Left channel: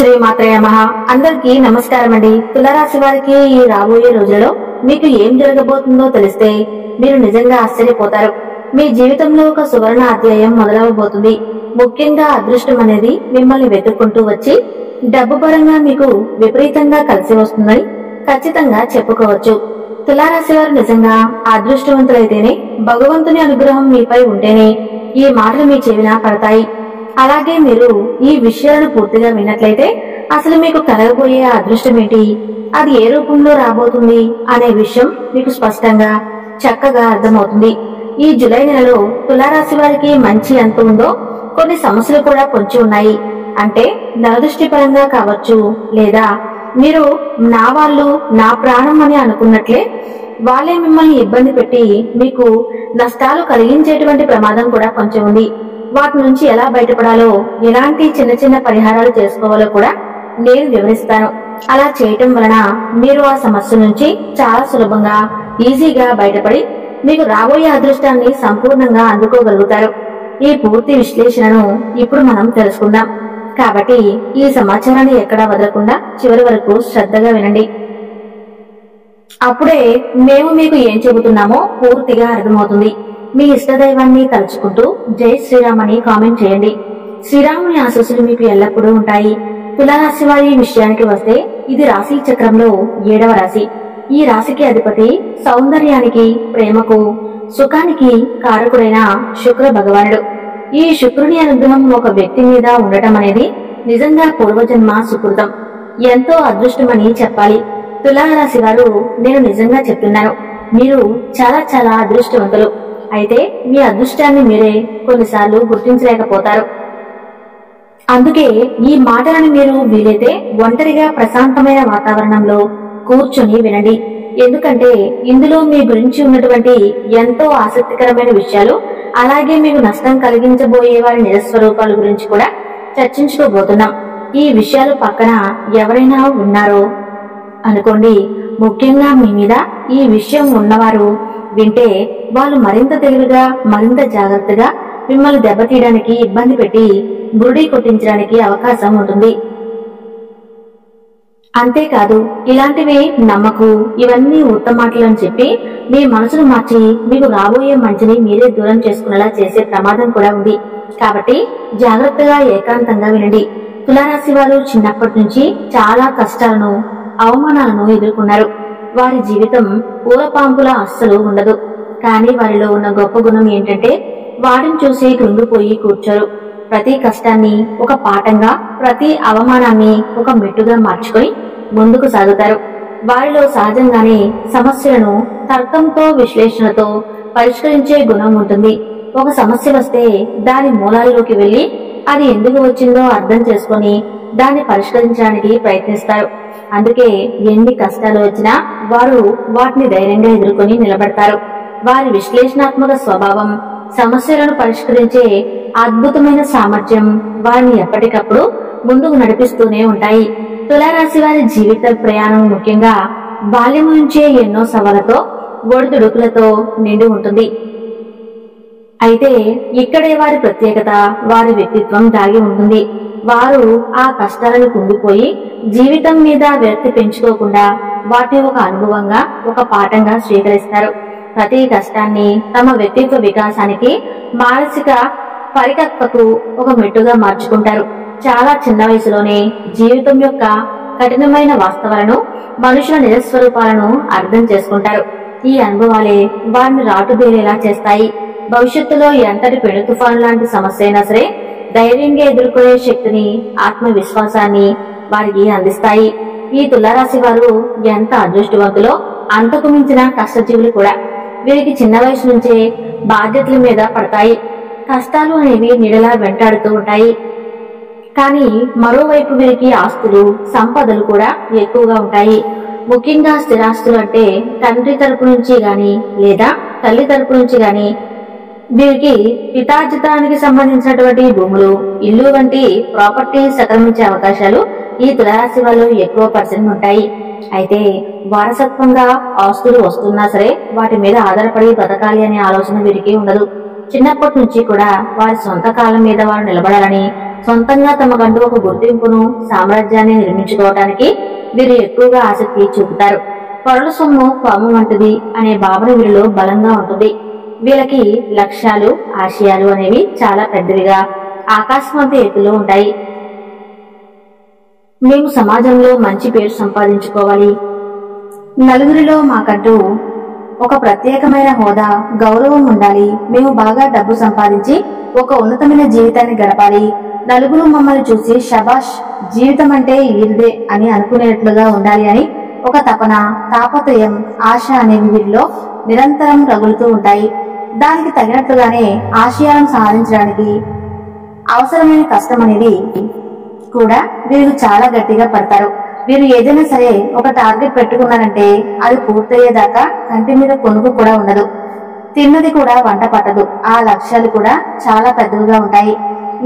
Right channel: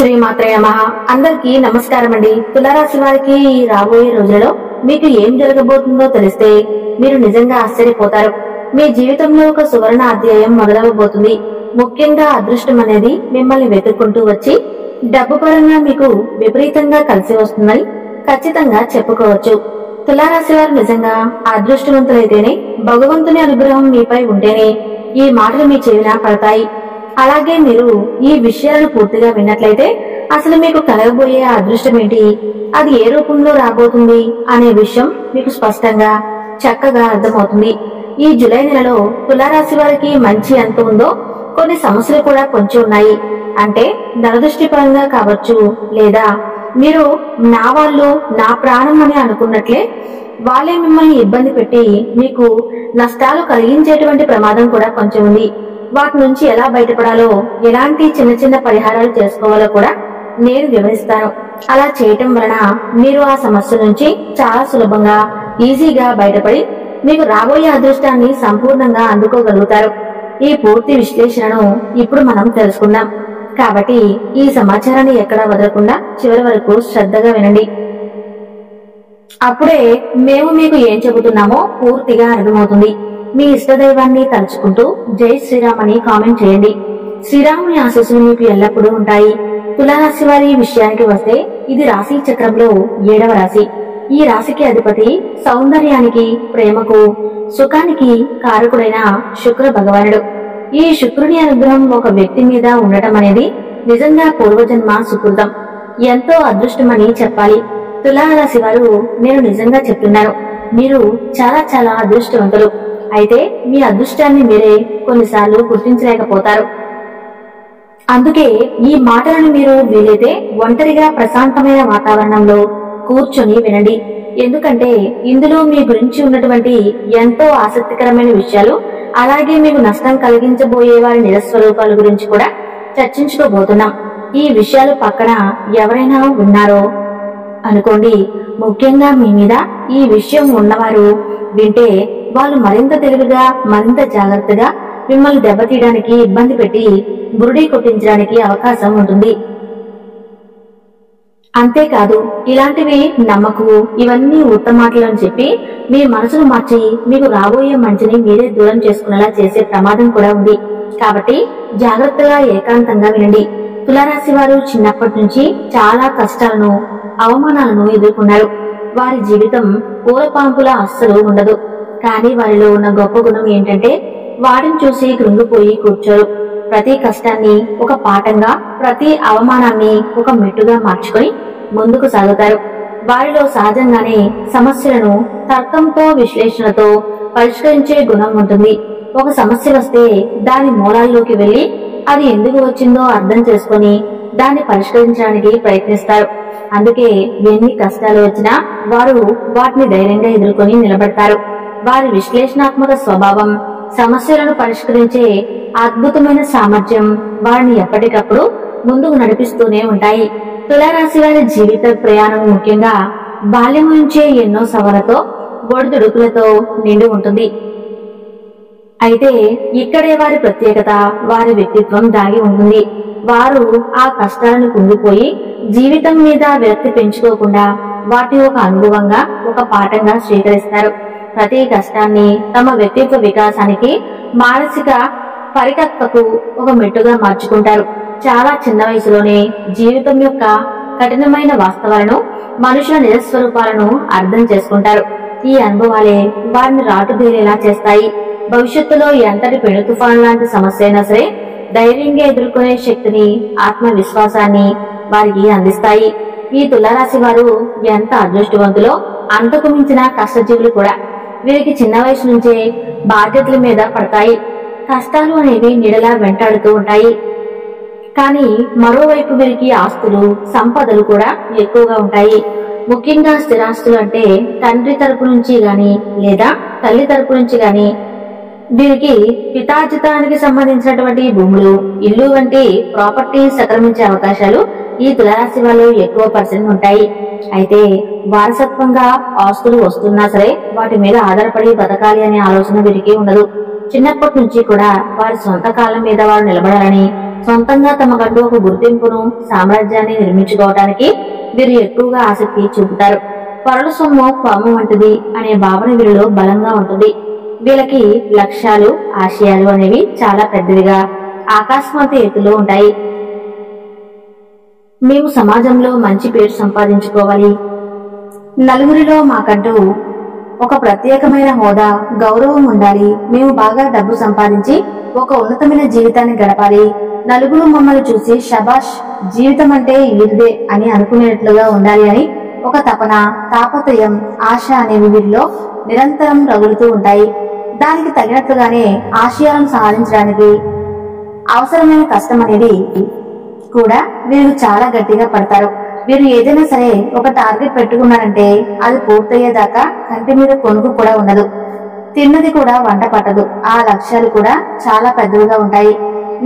శ్రీమాత్రే నమః. అందరికీ నమస్కారం అండి. తులారాశి వారికి ఈ రాబోయే రోజులలో మీకు ఏం జరగబోతుందో తెలిస్తే మీరు నిజంగా ఆశ్చర్యపోతారు. మీ జీవితంలో ఒక సువర్ణ అధ్యాయం మొదలవబోతుంది. ముఖ్యంగా అదృష్టం అనేది మిమ్మల్ని వెతుక్కుంటూ వచ్చి డబ్బు పరంగా మీకు విపరీతంగా కలిసి వస్తుందని ఖచ్చితంగా చెప్పుకోవచ్చు. తులారాశి వారు నిజంగా అదృష్టవంతులైతేనే, భగవంతుని అనుగ్రహం మీపై ఉంటేనే ఈ మాటలు మీ చెవిన పడతాయి. అలాగే మీరు ఈ విషయాలను పూర్తిగా విన్నట్లయితే అసలు మీకు కలగబోయే ఆ అదృష్టం ఏంటి, అది ఏ రూపంలో రాబోతుంది అనే విషయం మీకు స్పష్టంగా చక్కగా అర్థమవుతుంది. ఈ జూలై నెలలో తులారాశి వారికి మంచి ఎంత ఉందో కొన్ని సమస్యలు కూడా పొంచి ఉన్నాయి. అంటే నరదృష్టి పరంగా కావచ్చు, లేదా మీరు నా వాళ్ళు నా ప్రాణం అని అనుకున్నట్లే వాళ్ళే మిమ్మల్ని ఇబ్బంది పెట్టి మీకు నష్టాలు కలిగించేటువంటి ప్రమాదం కూడా కొంచెం ఉంది. వాటి నుంచి ఎలా బయటపడాలో, ఎలాంటి చిన్న చిన్న పరిహారాలు చేసుకోవాలో కూడా నేను వివరిస్తాను. అలా చేయటం వలన మీరు ఆ సమస్య నుంచి చాలా సులభంగా ఈజీగా బయటపడి మీకు రాబోయే అదృష్టాన్ని సంపూర్ణంగా అందుకోగలుగుతారు. ఈ పూర్తి విశ్లేషణను ఇప్పుడు మనం తెలుసుకుందాం. కాబట్టి ఈ సమాచారాన్ని ఎక్కడా వదలకుండా చివరి వరకు శ్రద్ధగా వినండి. అప్పుడే మేము మీకు ఏం చెబుతున్నామో పూర్తిగా అర్థమవుతుంది. మీ ఇష్టదైవాన్ని తలుచుకుంటూ జై శ్రీరామ్ అని కామెంట్ చేయండి. శ్రీరాముని ఆశీస్సులు మీకు ఎల్లప్పుడూ ఉంటాయి. తులారాశి వారి విషయానికి వస్తే ఇది రాశి చక్రంలో 7వ రాశి. ఈ రాశికి అధిపతి సౌందర్యానికి, ప్రేమకు, సుఖానికి కారకుడైన శుక్ర భగవానుడు. ఈ శుక్రుని అనుగ్రహం ఒక వ్యక్తి మీద ఉండటం అనేది నిజంగా పూర్వజన్మ సుకృతం, ఎంతో అదృష్టమని చెప్పాలి. తులారాశి వారు, నేను నిజంగా చెప్తున్నాను, మీరు చాలా చాలా అదృష్టవంతులు. అయితే మీ అదృష్టాన్ని మీరే కొన్నిసార్లు గుర్తించలేకపోతారు. అందుకే ఈ మాటలను మీరు వీలైతే ఒంటరిగా ప్రశాంతమైన వాతావరణంలో కూర్చొని వినండి. ఎందుకంటే ఇందులో మీ గురించి ఉన్నటువంటి ఎంతో ఆసక్తికరమైన విషయాలు, అలాగే మీకు నష్టం కలిగించబోయే వారి నిజస్వరూపాల గురించి కూడా చర్చించుకోబోతున్నాం. ఈ విషయాలు పక్కన ఎవరైనా ఉన్నారో అనుకోండి, ముఖ్యంగా మీ మీద ఈ విషయం ఉన్నవారు వింటే వాళ్ళు మరింత తెలివిగా, మరింత జాగ్రత్తగా మిమ్మల్ని దెబ్బతీయడానికి, ఇబ్బంది పెట్టి బురుడి కొట్టించడానికి అవకాశం ఉంటుంది. అంతేకాదు ఇలాంటివి నమ్మకు, ఇవన్నీ ఉత్తమాటలు అని చెప్పి మీ మనసును మార్చి మీకు రాబోయే మంచిని మీరే దూరం చేసుకునేలా చేసే ప్రమాదం కూడా ఉంది. కాబట్టి జాగ్రత్తగా ఏకాంతంగా వినండి. తులారాశి వారు చిన్నప్పటి నుంచి చాలా కష్టాలను, అవమానాలను ఎదుర్కొన్నారు. వారి జీవితం పూలపాంపులా అస్సలు ఉండదు. కానీ వారిలో ఉన్న గొప్ప గుణం ఏంటంటే వాటిని చూసి కృంగిపోయి కూర్చోరు. ప్రతి కష్టాన్ని ఒక పాఠంగా, ప్రతి అవమానాన్ని ఒక మెట్టుగా మార్చుకొని ముందుకు సాగుతారు. వారిలో సహజంగానే సమస్యలను తర్కంతో, విశ్లేషణతో పరిష్కరించే గుణం ఉంటుంది. ఒక సమస్య వస్తే దాని మూలాల్లోకి వెళ్లి అది ఎందుకు వచ్చిందో అర్థం చేసుకొని దాన్ని పరిష్కరించడానికి ప్రయత్నిస్తారు. అందుకే ఎన్ని కష్టాలు వచ్చినా వారు వాటిని ధైర్యంగా ఎదుర్కొని నిలబడతారు. వారి విశ్లేషణాత్మక స్వభావం, సమస్యలను పరిష్కరించే అద్భుతమైన సామర్థ్యం వారిని ఎప్పటికప్పుడు ముందుకు నడిపిస్తూనే ఉంటాయి. తులారాశి వారి జీవిత ప్రయాణం ముఖ్యంగా బాల్యం నుంచే ఎన్నో సవాళ్లతో, ఒడిదుడుకులతో నిండి ఉంటుంది. అయితే ఇక్కడే వారి ప్రత్యేకత, వారి వ్యక్తిత్వం దాగి ఉంటుంది. వారు ఆ కష్టాలను కుంగిపోయి జీవితం మీద విరక్తి పెంచుకోకుండా వాటిని ఒక అనుభవంగా, ఒక పాఠంగా స్వీకరిస్తారు. ప్రతి కష్టాన్ని తమ వ్యక్తిత్వ వికాసానికి, మానసిక పరిపక్వతకు ఒక మెట్టుగా మార్చుకుంటారు. చాలా చిన్న వయసులోనే జీవితం యొక్క కఠినమైన వాస్తవాలను, మనుషుల నిజస్వరూపాలను అర్థం చేసుకుంటారు. ఈ అనుభవాలే వారిని రాటుదేలేలా చేస్తాయి. భవిష్యత్తులో ఎంతటి పెను తుఫాను లాంటి సమస్య అయినా సరే ధైర్యంగా ఎదుర్కొనే శక్తిని, ఆత్మవిశ్వాసాన్ని వారికి అందిస్తాయి. ఈ తులారాశి వారు ఎంత అదృష్టవంతులో అంతకు మించిన కష్టజీవులు కూడా. వీరికి చిన్న వయసు నుంచే బాధ్యతల మీద పడతాయి. కష్టాలు అనేవి నీడలా వెంటాడుతూ ఉంటాయి. కానీ మరోవైపు వీరికి ఆస్తులు, సంపదలు కూడా ఎక్కువగా ఉంటాయి. ముఖ్యంగా స్థిరాస్తులు అంటే తండ్రి తరపు నుంచి గాని, లేదా తల్లి తరపు నుంచి గాని వీరికి పితార్జితానికి సంబంధించినటువంటి భూములు, ఇల్లు వంటి ప్రాపర్టీ సంక్రమించే అవకాశాలు ఈ తులారాశి వాళ్ళు ఎక్కువ % ఉంటాయి. అయితే వారసత్వంగా ఆస్తులు వస్తున్నా సరే వాటి మీద ఆధారపడి బతకాలి అనే ఆలోచన వీరికి ఉండదు. చిన్నప్పటి నుంచి కూడా వారి సొంత కాళ్ళ మీద వారు నిలబడాలని, సొంతంగా తమకంటూ ఒక గుర్తింపును, సామ్రాజ్యాన్ని నిర్మించుకోవటానికి వీరు ఎక్కువగా ఆసక్తి చూపుతారు. పరుల సొమ్ము పాము వంటిది అనే భావన వీరిలో బలంగా ఉంటుంది. వీళ్ళకి లక్ష్యాలు, ఆశయాలు అనేవి చాలా పెద్దవిగా ఆకాశవంత ఎత్తులో ఉంటాయి. మేము సమాజంలో మంచి పేరు సంపాదించుకోవాలి, నలుగురిలో మాకంటూ ఒక ప్రత్యేకమైన హోదా, గౌరవం ఉండాలి, మేము బాగా డబ్బు సంపాదించి ఒక ఉన్నతమైన జీవితాన్ని గడపాలి, నలుగురు మమ్మల్ని చూసి షబాష్ జీవితం అంటే ఈరిదే అని అనుకునేట్లుగా ఉండాలి అని ఒక తపన, తాపత్రయం, ఆశ అనేవి వీరిలో నిరంతరం రగులుతూ ఉంటాయి. దానికి తగినట్లుగానే ఆశయాలను సాధించడానికి అవసరమైన కష్టం అనేది కూడా వీరు చాలా గట్టిగా పడతారు. వీరు ఏదైనా సరే ఒక టార్గెట్ పెట్టుకున్నారంటే అది పూర్తయ్యేదాకా కంటి మీద కొనుక్కు కూడా ఉండదు, తిన్నది కూడా వంట పట్టదు. ఆ లక్ష్యాలు కూడా చాలా పెద్దవిగా ఉంటాయి.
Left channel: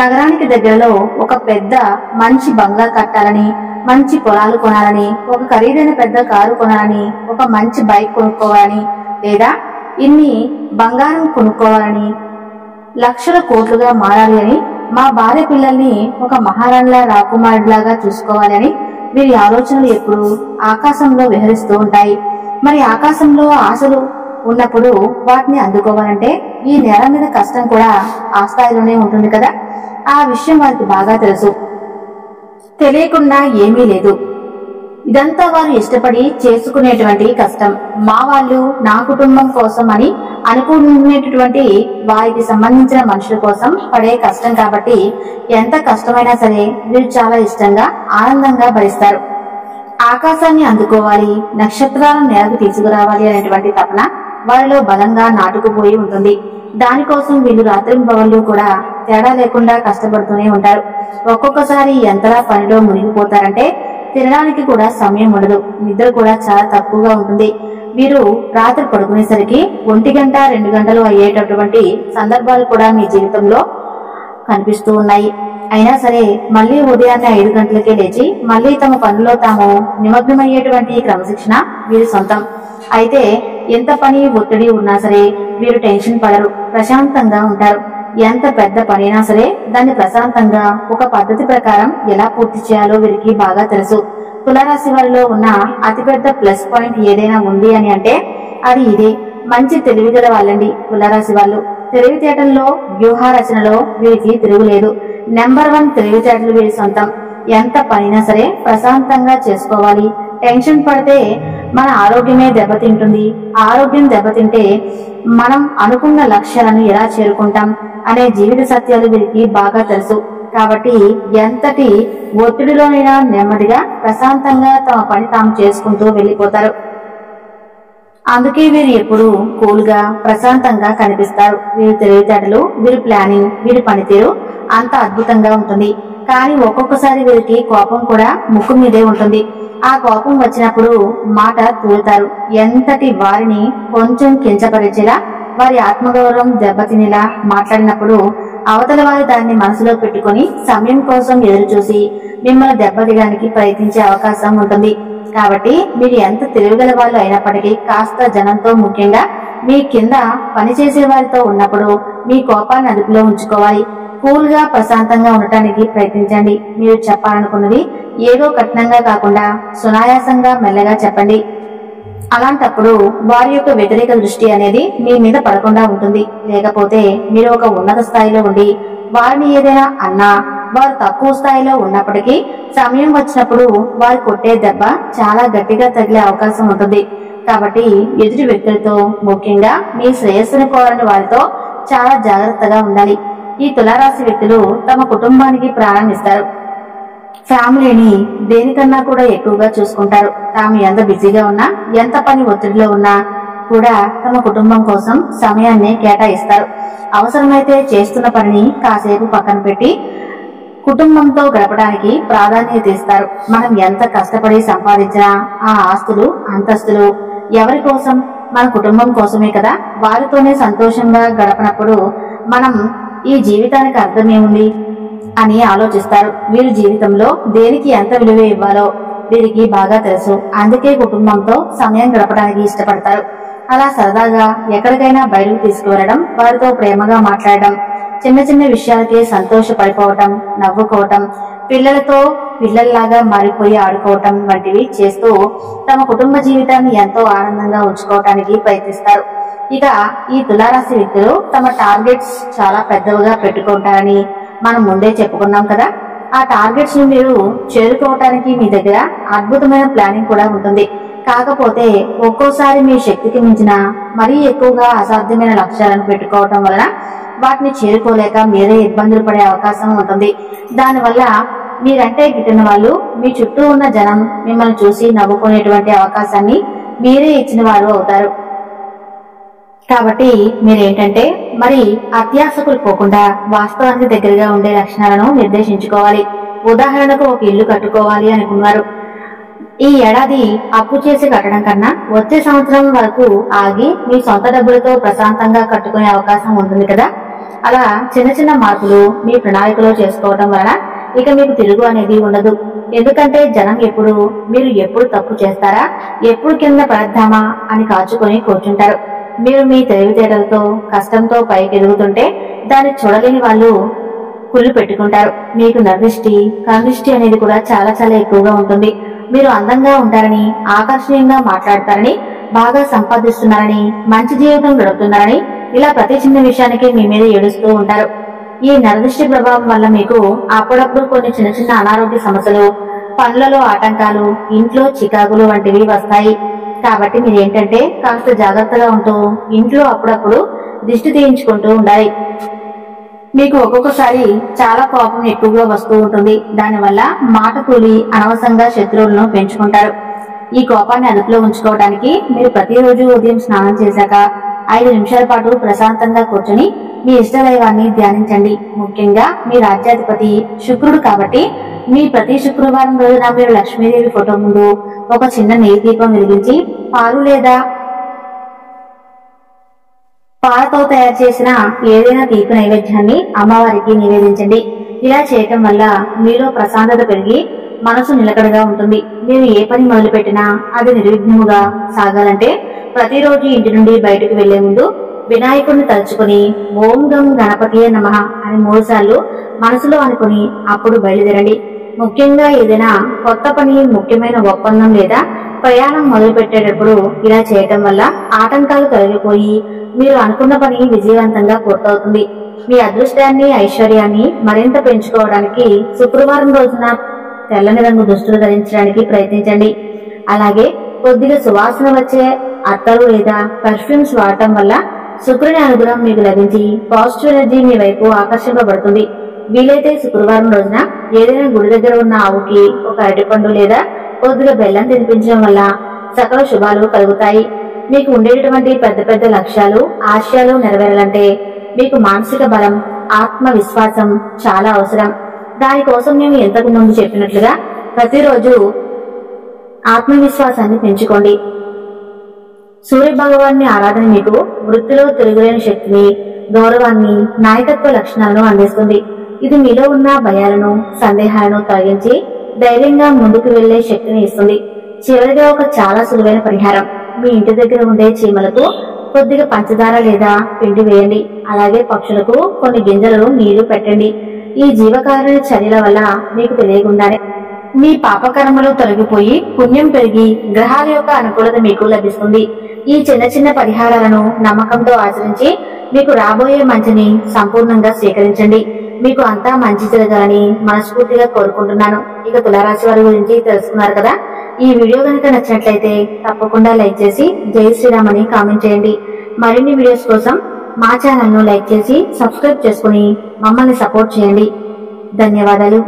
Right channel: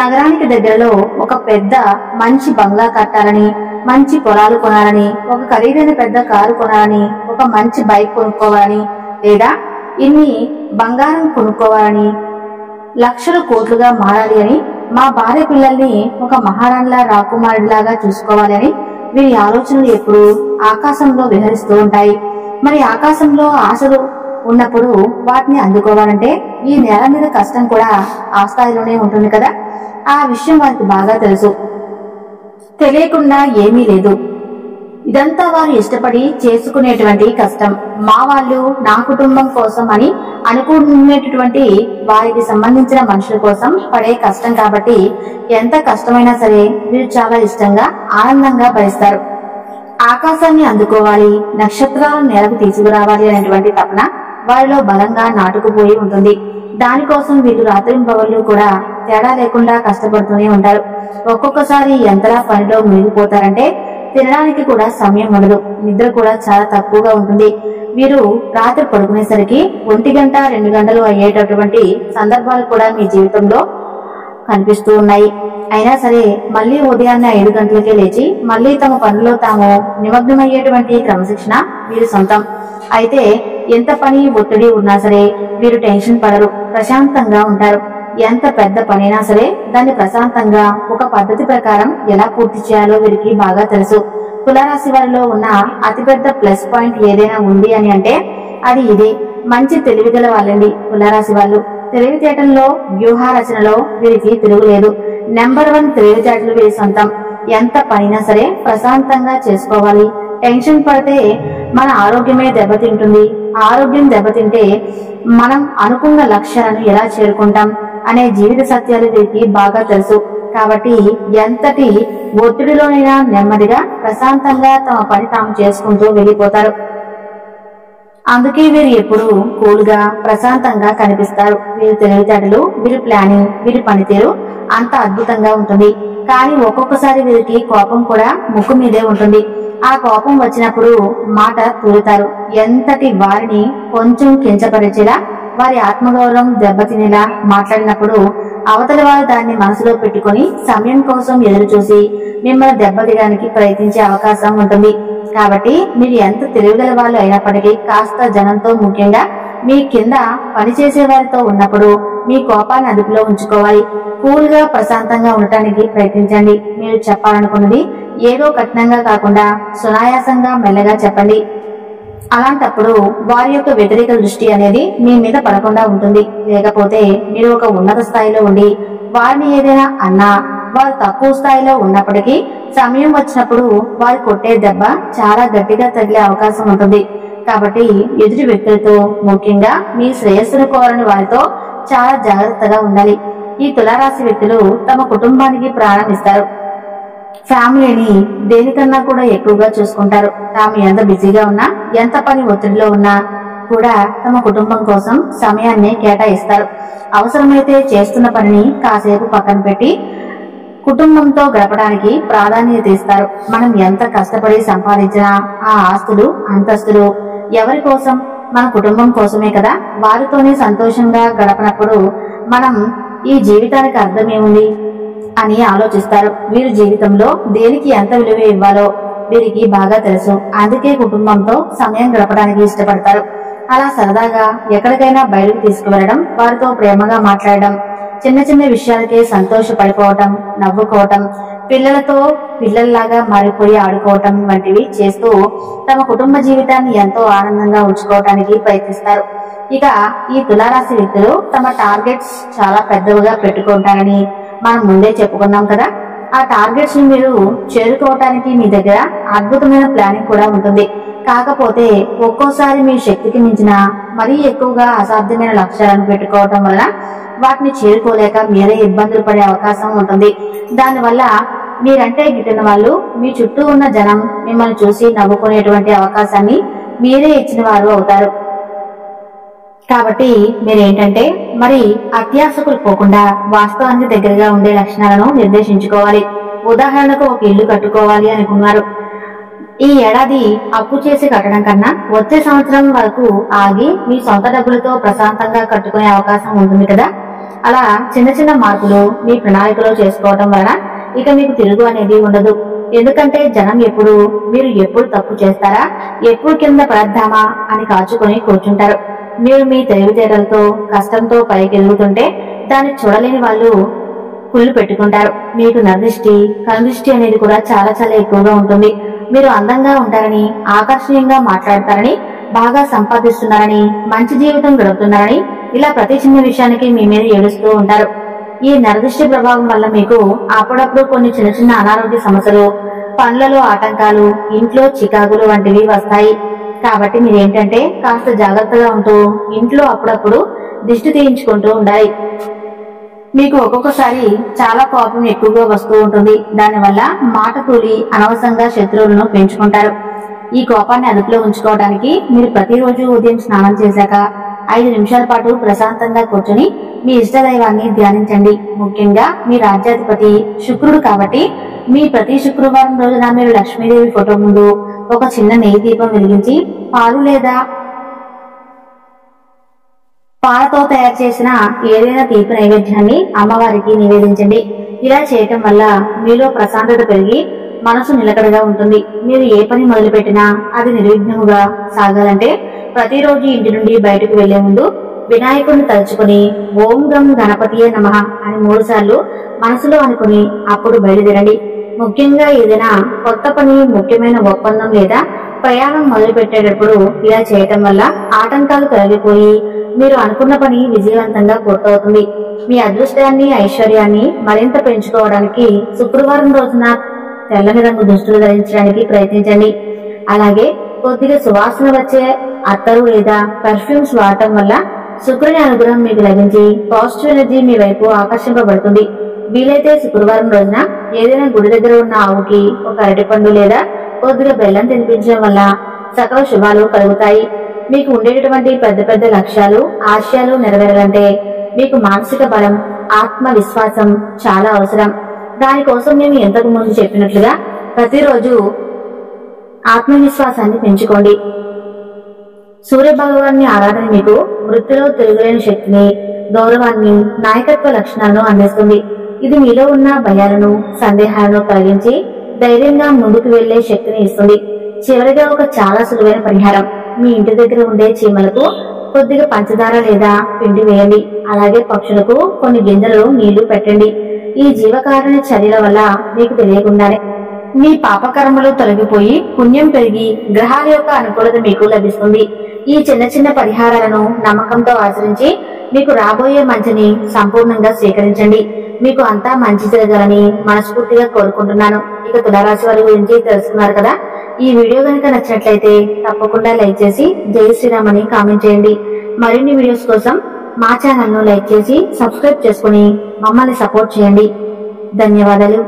నగరానికి దగ్గరలో ఒక పెద్ద మంచి బంగ్లా కట్టాలని, మంచి పొలాలు కొనాలని, ఒక ఖరీదైన పెద్ద కారు కొనాలని, ఒక మంచి బైక్ కొనుక్కోవాలని, లేదా ఇన్ని బంగారం కొనుక్కోవాలని, లక్షల కోట్లుగా మారాలి అని, మా భార్య పిల్లల్ని ఒక మహారాణిలా రాకుమారుడిలాగా చూసుకోవాలి అని వీరి ఆలోచనలు ఎప్పుడు ఆకాశంలో విహరిస్తూ ఉంటాయి. మరి ఆకాశంలో ఆశలు ఉన్నప్పుడు వాటిని అందుకోవాలంటే ఈ నేల మీద కష్టం కూడా ఆ స్థాయిలోనే ఉంటుంది కదా. ఆ విషయం వారికి బాగా తెలుసు. తెలియకుండా ఏమీ లేదు. ఇదంతా వారు ఇష్టపడి చేసుకునేటువంటి కష్టం. మా వాళ్ళు, నా కుటుంబం కోసం అని అనుకునేటటువంటి వారికి సంబంధించిన మనుషుల కోసం పడే కష్టం కాబట్టి ఎంత కష్టమైనా సరే వీరు చాలా ఇష్టంగా, ఆనందంగా భరిస్తారు. ఆకాశాన్ని అందుకోవాలి, నక్షత్రాలను నేలకు తీసుకురావాలి అనేటువంటి తపన వారిలో బలంగా నాటుకుపోయి ఉంటుంది. దానికోసం వీళ్ళు రాత్రింబవళ్ళు కూడా తేడా లేకుండా కష్టపడుతూనే ఉంటారు. ఒక్కొక్కసారి ఎంతలా పనిలో మునిగిపోతారంటే తినడానికి కూడా సమయం ఉండదు, నిద్ర కూడా చాలా తక్కువగా ఉంటుంది. వీరు రాత్రి పడుకునేసరికి 1 గంట 2 గంటలు అయ్యేటటువంటి సందర్భాలు కూడా మీ జీవితంలో కనిపిస్తూ ఉన్నాయి. అయినా సరే మళ్లీ ఉదయాన్నే 5 గంటలకే లేచి మళ్లీ తమ పనుల్లో తాము నిమగ్నమయ్యేటువంటి క్రమశిక్షణ వీరి సొంతం. అయితే ఎంత పని ఒత్తిడి ఉన్నా సరే వీరు టెన్షన్ పడరు, ప్రశాంతంగా ఉంటారు. ఎంత పెద్ద పనైనా సరే దాన్ని ప్రశాంతంగా ఒక పద్ధతి ప్రకారం ఎలా పూర్తి చేయాలో వీరికి బాగా తెలుసు. తులారాశి వారిలో ఉన్న అతిపెద్ద ప్లస్ పాయింట్ ఏదైనా ఉంది అని అంటే అది ఇదే. మంచి తెలివిగల వాళ్ళండి తులారాశి వాళ్ళు. తెలివితేటల్లో, వ్యూహ రచనలో వీరికి తిరుగులేదు. నెంబర్ 1 తెలివితేటలు వీరి సొంతం. ఎంత పనైనా సరే ప్రశాంతంగా చేసుకోవాలి. టెన్షన్ పడితే మన ఆరోగ్యమే దెబ్బతింటుంది. ఆరోగ్యం దెబ్బతింటే మనం అనుకున్న లక్ష్యాలను ఎలా చేరుకుంటాం అనే జీవిత సత్యాలు వీరికి బాగా తెలుసు. కాబట్టి ఎంతటి ఒత్తిడిలోనైనా నెమ్మదిగా, ప్రశాంతంగా తమ పని తాము చేసుకుంటూ వెళ్లిపోతారు. అందుకే వీరు ఎప్పుడు కూల్గా, ప్రశాంతంగా కనిపిస్తారు. వీరి తెలివితేటలు, వీరి ప్లానింగ్, వీరి పనితీరు అంత అద్భుతంగా ఉంటుంది. కానీ ఒక్కొక్కసారి వీరికి కోపం కూడా ముక్కు మీదే ఉంటుంది. ఆ కోపం వచ్చినప్పుడు మాట తూలుతారు. ఎంతటి వారిని కొంచెం కించపరిచేలా, వారి ఆత్మగౌరవం దెబ్బతినేలా మాట్లాడినప్పుడు అవతల వారు దాన్ని మనసులో పెట్టుకుని సమయం కోసం ఎదురు చూసి మిమ్మల్ని దెబ్బతీయడానికి ప్రయత్నించే అవకాశం ఉంటుంది. కాబట్టి మీరు ఎంత తెలివిగల వాళ్ళు అయినప్పటికీ కాస్త జనంతో, ముఖ్యంగా మీ కింద పనిచేసే వారితో ఉన్నప్పుడు మీ కోపాన్ని అదుపులో ఉంచుకోవాలి. కూల్ గా, ప్రశాంతంగా ఉండటానికి ప్రయత్నించండి. మీరు చెప్పాలనుకున్నది ఏదో కఠినంగా కాకుండా సునాయాసంగా, మెల్లగా చెప్పండి. అలాంటప్పుడు వారి యొక్క వ్యతిరేక దృష్టి అనేది మీ మీద పడకుండా ఉంటుంది. లేకపోతే మీరు ఒక ఉన్నత స్థాయిలో ఉండి వారిని ఏదైనా అన్నా వారు తక్కువ స్థాయిలో ఉన్నప్పటికీ సమయం వచ్చినప్పుడు వారు కొట్టే దెబ్బ చాలా గట్టిగా తగిలే అవకాశం ఉంటుంది. కాబట్టి ఎదుటి వ్యక్తులతో, ముఖ్యంగా మీ శ్రేయస్సును కోరని వారితో చాలా జాగ్రత్తగా ఉండాలి. ఈ తులారాశి వ్యక్తులు తమ కుటుంబానికి ప్రారంభిస్తారు. ఫ్యామిలీని దేనికన్నా కూడా ఎక్కువగా చూసుకుంటారు. తాము ఎంత బిజీగా ఉన్నా, ఎంత పని ఒత్తిడిలో ఉన్నా కూడా తమ కుటుంబం కోసం సమయాన్ని కేటాయిస్తారు. అవసరమైతే చేస్తున్న పనిని కాసేపు పక్కన పెట్టి కుటుంబంతో గడపడానికి ప్రాధాన్యత ఇస్తారు. మనం ఎంత కష్టపడి సంపాదించినా ఆ ఆస్తులు, అంతస్తులు ఎవరి కోసం? మన కుటుంబం కోసమే కదా. వారితోనే సంతోషంగా గడపనప్పుడు మనం ఈ జీవితానికి అర్థమేముంది అని ఆలోచిస్తారు. వీరి జీవితంలో దేనికి ఎంత విలువ ఇవ్వాలో వీరికి బాగా తెలుసు. అందుకే కుటుంబంతో సమయం గడపడానికి ఇష్టపడతారు. అలా సరదాగా ఎక్కడికైనా బయటకు తీసుకువెళ్లడం, వారితో ప్రేమగా మాట్లాడడం, చిన్న చిన్న విషయాలకే సంతోషపడిపోవటం, నవ్వుకోవటం, పిల్లలతో పిల్లల్లాగా మారిపోయి ఆడుకోవటం వంటివి చేస్తూ తమ కుటుంబ జీవితాన్ని ఎంతో ఆనందంగా ఉంచుకోవటానికి ప్రయత్నిస్తారు. ఇక ఈ తులారాశి వ్యక్తులు తమ టార్గెట్స్ చాలా పెద్దవిగా పెట్టుకుంటారని మనం ముందే చెప్పుకున్నాం కదా. ఆ టార్గెట్స్ ని మీరు చేరుకోవటానికి మీ దగ్గర అద్భుతమైన ప్లానింగ్ కూడా ఉంటుంది. కాకపోతే ఒక్కోసారి మీ శక్తికి మించిన మరీ ఎక్కువగా అసాధ్యమైన లక్ష్యాలను పెట్టుకోవటం వలన వాటిని చేరుకోలేక మీరే ఇబ్బందులు పడే అవకాశం ఉంటుంది. దానివల్ల మీరంటే గిట్టిన వాళ్ళు మీ చుట్టూ ఉన్న జనం మిమ్మల్ని చూసి నవ్వుకునేటువంటి అవకాశాన్ని మీరే ఇచ్చిన వారు అవుతారు. కాబట్టి మీరేంటంటే మరి అత్యాశకులు పోకుండా వాస్తవానికి దగ్గరగా ఉండే లక్షణాలను నిర్దేశించుకోవాలి. ఉదాహరణకు ఒక ఇల్లు కట్టుకోవాలి అనుకున్నారు. ఈ ఏడాది అప్పు చేసి కట్టడం కన్నా వచ్చే సంవత్సరం వరకు ఆగి మీ సొంత డబ్బులతో ప్రశాంతంగా కట్టుకునే అవకాశం ఉంటుంది కదా. అలా చిన్న చిన్న మార్పులు మీ ప్రణాళికలో చేసుకోవటం వలన ఇక మీకు తిరుగు అనేది ఉండదు. ఎందుకంటే జనం మీరు ఎప్పుడు తప్పు చేస్తారా, ఎప్పుడు కింద పడద్దామా అని కాచుకొని కూర్చుంటారు. మీరు మీ తెలివితేటలతో కష్టంతో పైకి ఎదుగుతుంటే దాన్ని చూడలేని వాళ్ళు కుళ్ళు పెట్టుకుంటారు. మీకు నరదృష్టి, కనుదృష్టి అనేది కూడా చాలా చాలా ఎక్కువగా ఉంటుంది. మీరు అందంగా ఉంటారని, ఆకర్షణీయంగా మాట్లాడతారని, బాగా సంపాదిస్తున్నారని, మంచి జీవితం గడుపుతున్నారని ఇలా ప్రతి చిన్న విషయానికి మీ మీద ఏడుస్తూ ఉంటారు. ఈ నరదృష్టి ప్రభావం వల్ల మీకు అప్పుడప్పుడు కొన్ని చిన్న చిన్న అనారోగ్య సమస్యలు, పనులలో ఆటంకాలు, ఇంట్లో చికాకులు వంటివి వస్తాయి. కాబట్టి మీరేంటంటే కాస్త జాగ్రత్తగా ఉంటూ ఇంట్లో అప్పుడప్పుడు దిష్టి తీయించుకుంటూ ఉండాలి. మీకు ఒక్కొక్కసారి చాలా కోపం ఎక్కువగా వస్తూ ఉంటుంది. దానివల్ల మాట కూలి అనవసరంగా శత్రువులను పెంచుకుంటారు. ఈ కోపాన్ని అదుపులో ఉంచుకోవడానికి మీరు ప్రతిరోజు ఉదయం స్నానం చేశాక 5 నిమిషాల పాటు ప్రశాంతంగా కూర్చొని మీ ఇష్టదైవాన్ని ధ్యానించండి. ముఖ్యంగా మీ రాజ్యాధిపతి శుక్రుడు కాబట్టి మీ ప్రతి శుక్రవారం రోజున మీరు లక్ష్మీదేవి ఫోటో ముందు ఒక చిన్న నెయ్యి దీపం వెలిగించి పాలు లేదా పాలతో తయారు చేసిన ఏదైనా తీపి నైవేద్యాన్ని అమ్మవారికి నివేదించండి. ఇలా చేయటం వల్ల మీలో ప్రశాంతత పెరిగి మనసు నిలకడగా ఉంటుంది. మీరు ఏ పని మొదలుపెట్టినా అది నిర్విఘ్నముగా సాగాలంటే ప్రతిరోజు ఇంటి నుండి బయటకు వెళ్లే ముందు వినాయకుడిని తలుచుకుని ఓం గం గణపతియే నమః అని 3 సార్లు మనసులో అనుకుని అప్పుడు బయలుదేరండి. ముఖ్యంగా ఏదైనా కొత్త పని, ముఖ్యమైన ఒప్పందం లేదా ప్రయాణం మొదలు పెట్టేటప్పుడు ఇలా చేయటం వల్ల ఆటంకాలు తొలగిపోయి మీరు అనుకున్న పని విజయవంతంగా పూర్తవుతుంది. మీ అదృష్టాన్ని, ఐశ్వర్యాన్ని మరింత పెంచుకోవడానికి శుక్రవారం రోజున తెల్లని రంగు దుస్తులు ధరించడానికి ప్రయత్నించండి. అలాగే కొద్దిగా సువాసన వచ్చే అత్తరు లేదా పర్ఫ్యూమ్స్ వాడటం వల్ల శుక్రుని అనుగ్రహం మీకు లభించి పాజిటివ్ ఎనర్జీ మీ వైపు ఆకర్షింపబడుతుంది. వీలైతే శుక్రవారం రోజున ఏదైనా గుడి దగ్గర ఉన్న ఆవుకి ఒక అరటిపండు లేదా కొద్దిగా బెల్లం తినిపించడం వల్ల సకల శుభాలు కలుగుతాయి. మీకు ఉండేటటువంటి పెద్ద పెద్ద లక్ష్యాలు, ఆశయాలు నెరవేరాలంటే మీకు మానసిక బలం, ఆత్మవిశ్వాసం చాలా అవసరం. దానికోసం మేము ఇంతకు ముందు చెప్పినట్లుగా ప్రతిరోజు ఆత్మవిశ్వాసాన్ని పెంచుకోండి. సూర్య భగవాన్ని ఆరాధన మీకు వృత్తిలో తిరుగులేని శక్తిని, గౌరవాన్ని, నాయకత్వ లక్షణాలను అందిస్తుంది. ఇది మీలో ఉన్న భయాలను, సందేహాలను తొలగించి ధైర్యంగా ముందుకు వెళ్లే శక్తిని ఇస్తుంది. చివరిగా ఒక చాలా సులువైన పరిహారం. మీ ఇంటి దగ్గర ఉండే చీమలకు కొద్దిగా పంచదార లేదా పిండి వేయండి. అలాగే పక్షులకు కొన్ని గింజలను నీళ్లు పెట్టండి. ఈ జీవకారుణ్య చర్యల వల్ల మీకు తెలియకుండానే మీ పాపకర్మలు తొలగిపోయి పుణ్యం పెరిగి గ్రహాల యొక్క అనుకూలత మీకు లభిస్తుంది. ఈ చిన్న చిన్న పరిహారాలను నమ్మకంతో ఆచరించి మీకు రాబోయే మంచిని సంపూర్ణంగా స్వీకరించండి. మీకు అంతా మంచి జరగాలని మనస్ఫూర్తిగా కోరుకుంటున్నాను. ఇక తులారాశి వారి గురించి తెలుసుకున్నారు కదా. ఈ వీడియో కనుక నచ్చినట్లయితే తప్పకుండా లైక్ చేసి జై శ్రీరామ్ అని కామెంట్ చేయండి. మరిన్ని వీడియోస్ కోసం మా ఛానల్ ను లైక్ చేసి సబ్స్క్రైబ్ చేసుకుని మమ్మల్ని సపోర్ట్ చేయండి. ధన్యవాదాలు.